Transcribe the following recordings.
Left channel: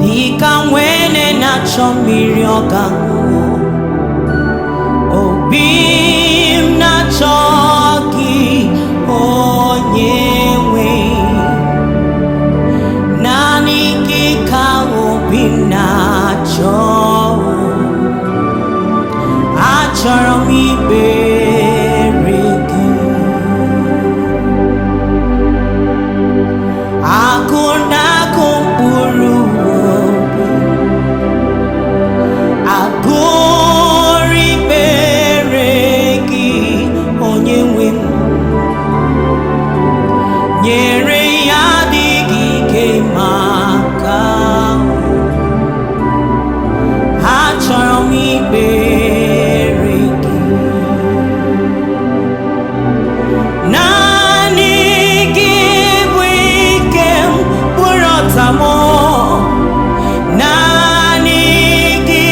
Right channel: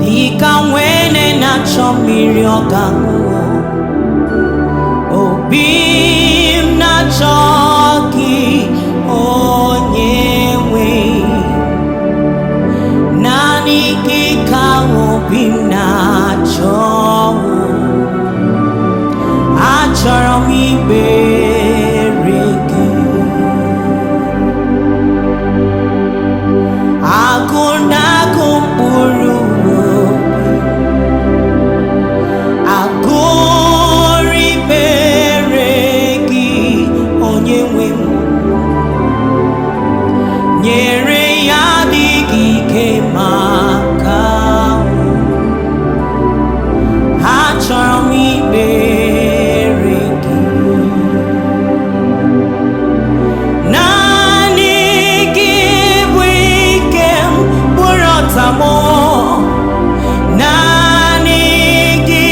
dịka nwene na-achọ mmiri ọ ga-aṅụ, obi m na-achọ gị Onyenwe, naanị gị ka obi m na-achọ. Achọrọ m ikpere gị, agụ na-agụ mkpụrụ obi, agụrụ ikpere gị Onyenwe m, nyere ya adịghị ike maka achọrọ m ikpere gị, naanị gị bụ ike m bụrụ ọta m, naanị gị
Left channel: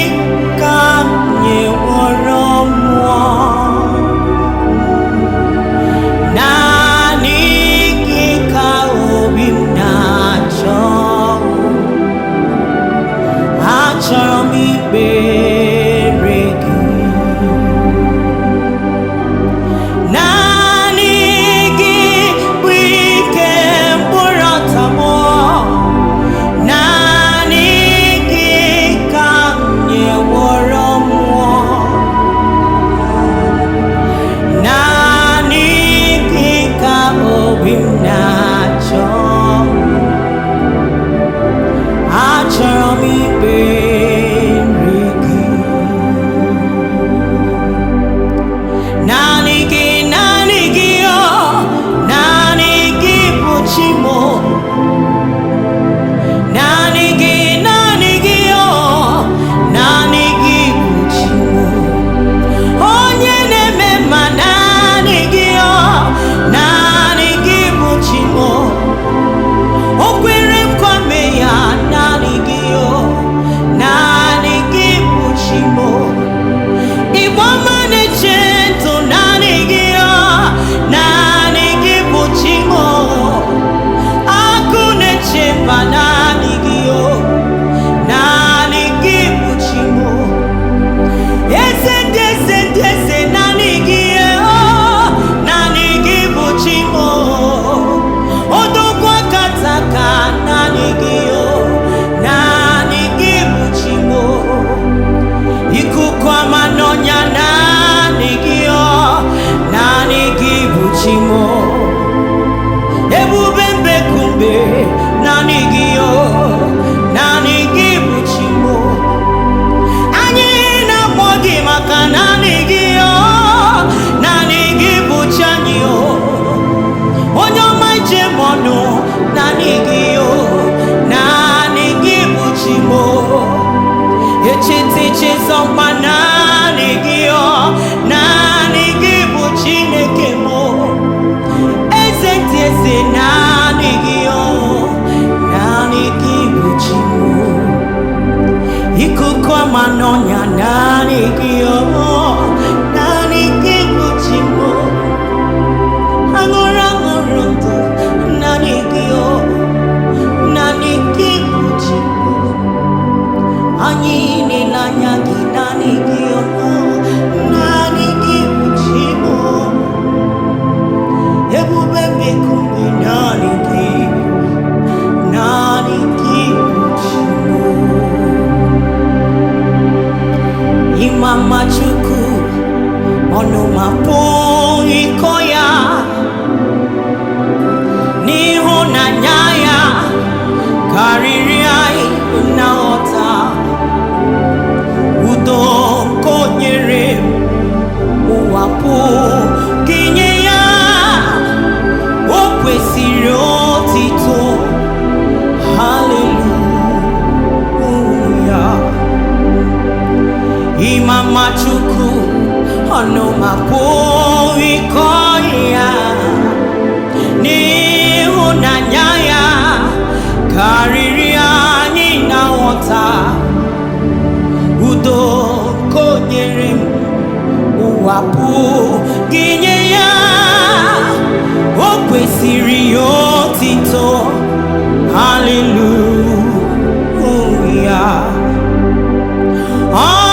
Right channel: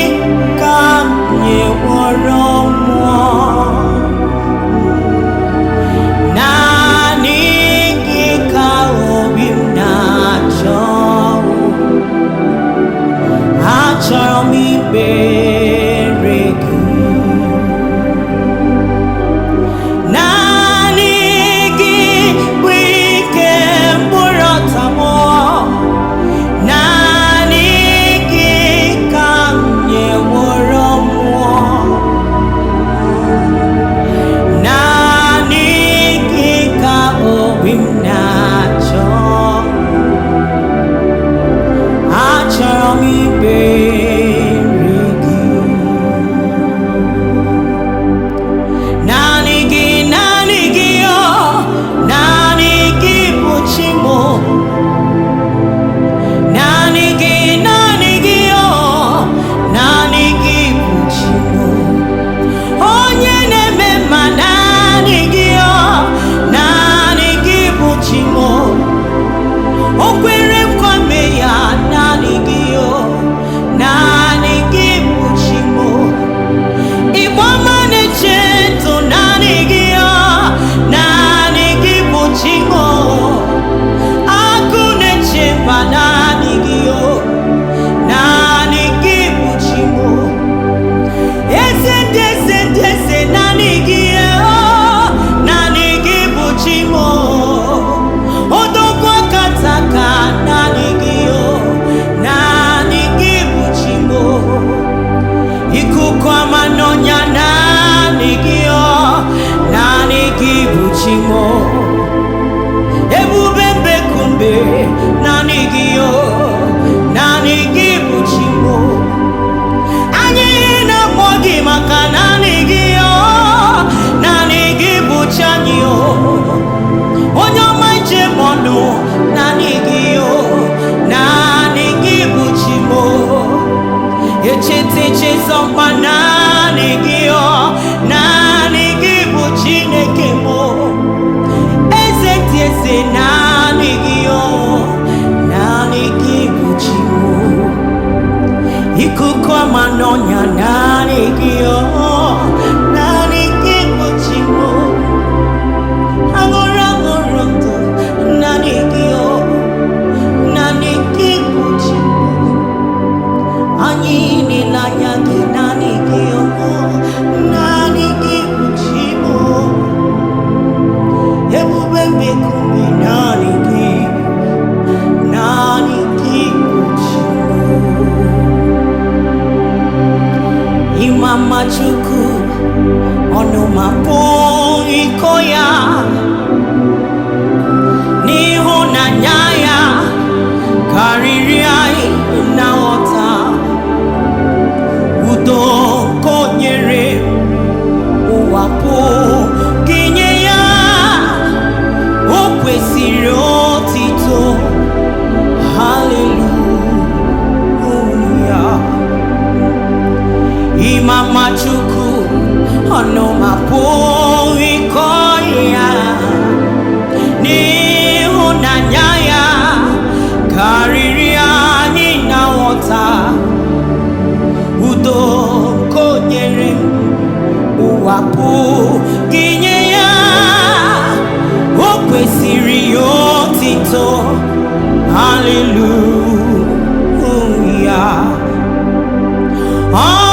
ka m nyeworo mmụọ, naanị gị ka obi m na-achọ. Achọrọ m ikpere gị, naanị gị bụ ike mkpụrụ ọta m, naanị gị ka m nyeworo mmụọ, naanị gị ka obi m na-achọ. Achọrọ m ikpere gị, naanị gị, naanị gị, naanị gị bụ chi m, naanị gị, naanị gị, naanị gị bụ chi m, onye na-eme mma, naanị gị, naanị gị bụ chi m, o kwere nkwa mee ya, naanị gị, naanị gị bụ chi m, Igbo ọma na-eche ntụ, naanị gị, naanị gị bụ chi m, agụ na-eche mba, naanị gị, naanị gị bụ chi m, eze ndị eze ndị eze, naanị gị, naanị gị bụ chi m, odogwu akataka, naanị gị, naanị gị bụ chi m, ikuku ama n'ọnya, naanị gị, naanị gị bụ chi m, ebube mbekumbe, naanị gị, naanị gị bụ chi m, anyị na-akpọ gị maka naanị gị, naanị gị bụ chi anyị, onye ọma ije m ọnụ, naanị gị, naanị gị bụ chi m, echeta echezọ mkpa, naanị gị, naanị gị bụ Chineke m, eze ndị eze, naanị gị, naanị gị bụ chi m, ikuku ama n'ọnya, naanị gị, naanị gị bụ chi m, aṅụrụ aṅụrụ ndụ, naanị gị, naanị gị bụ chi m, anyị na-ele anya gị, naanị gị, naanị gị bụ chi m, ebube mbekumbe, naanị gị, naanị gị bụ chi m, ịma mma Chukwu ọnụ ma pụghị ịkọ ya, n'ịhụnanya ya karịrị anyị na nghọta, udo nke o nyere ụwa pụghị inye ya, o kwesịrị otito, haleluya. Ịma mma Chukwu ọnụ ma pụghị ịkọ ya, n'ịhụnanya ya karịrị anyị na nghọta, udo nke o nyere m ụwa pụghị inye ya, o kwesịrị ya otito, haleluya. ọ